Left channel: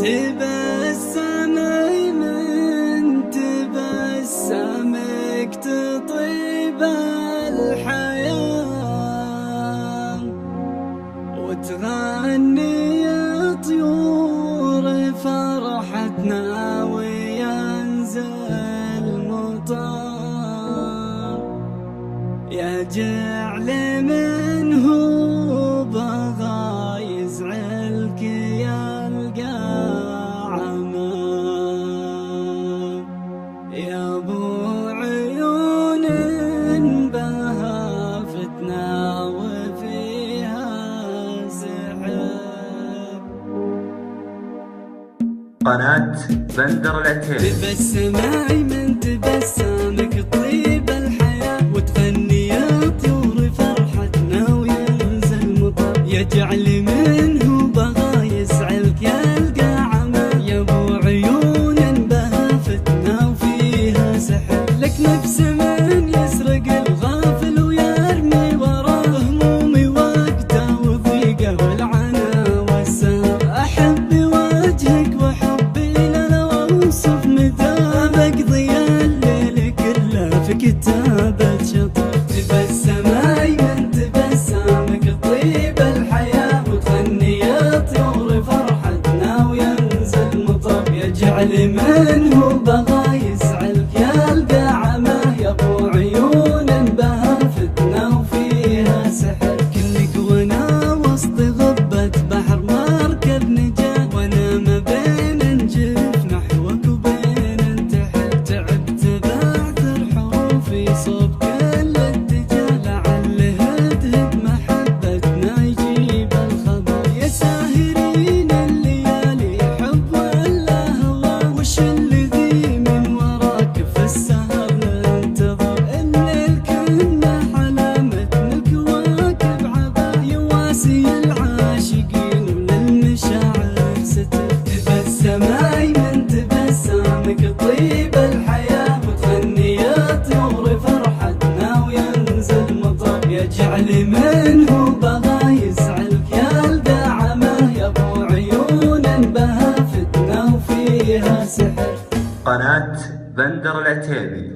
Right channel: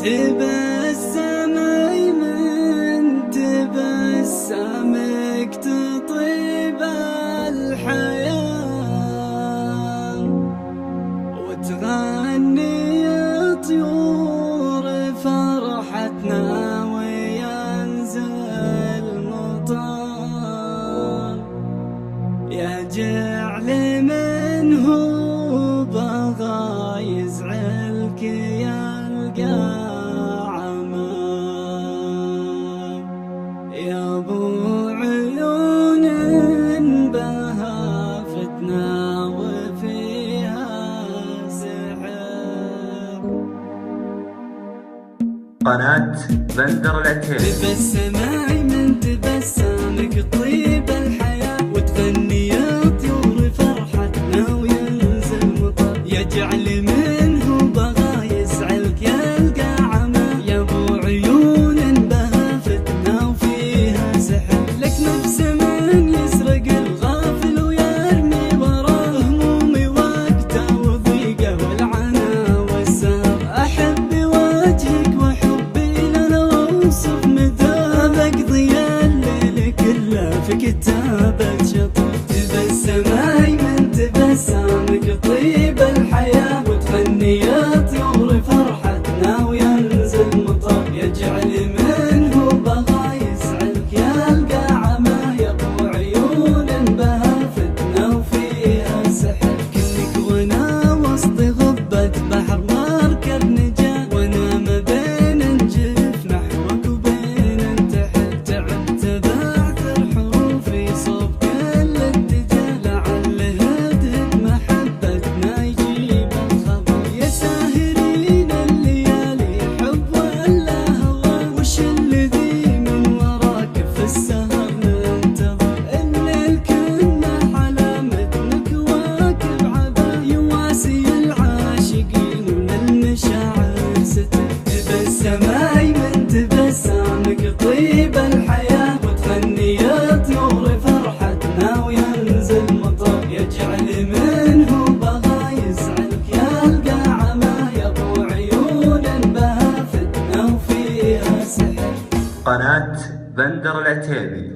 تبسمي من تبسمك تطيب الحياة، وتغني طيور فرحتنا وينزل مطر، يجعل منه بغى يزعلك يلقى عمى. يا ابو عيون بها فتنة وفيها سحر. قناة بندر العتيبي. تبسمي من تبسمك طيب الحياة، وتغني يا طيور فرحتنا وينزل مطر، يجعل منه بغى يسعلك يلقى عمى. يا ابو عيون بها فتنة وفيها سحر، لك نفس من يسرق الغافل ويرمي وراه همومي وقته وضيقه والعنا والسهر. احب وجهك وحبي لا اوصف مدى، بقضي الليل كله في كتابة شطر. تبسمي من تبسمك طيب الحياة، وتغني يا طيور فرحتنا وينزل مطر، يجعل منه بغى يسعلك يلقى عمى. يا ابو عيون بها فتنة وفيها سحر، كلك وانا وسط غبة بحر مركب نجاة، وانا ما بين نجف نحوك وبين انتحر. تعبت بعثر حروفي صوب كل اتجاه، لعل هدهد محبتنا يجيب الخبر. يا ساهرين الليالي حب ولا هوى، وش الذي من وراك في السهر ننتظر؟ الليل كنا علامة الكواكب عبا، يواسي العاشقين وللمشاعر ستر. تبسمي من تبسمك طيب الحياة، وتغني يا طيور فرحتنا وينزل مطر، يجعل منه بغى يسعلك يلقى عمى. يا ابو عيون بها فتنة وفيها سحر. قناة بندر العتيبي.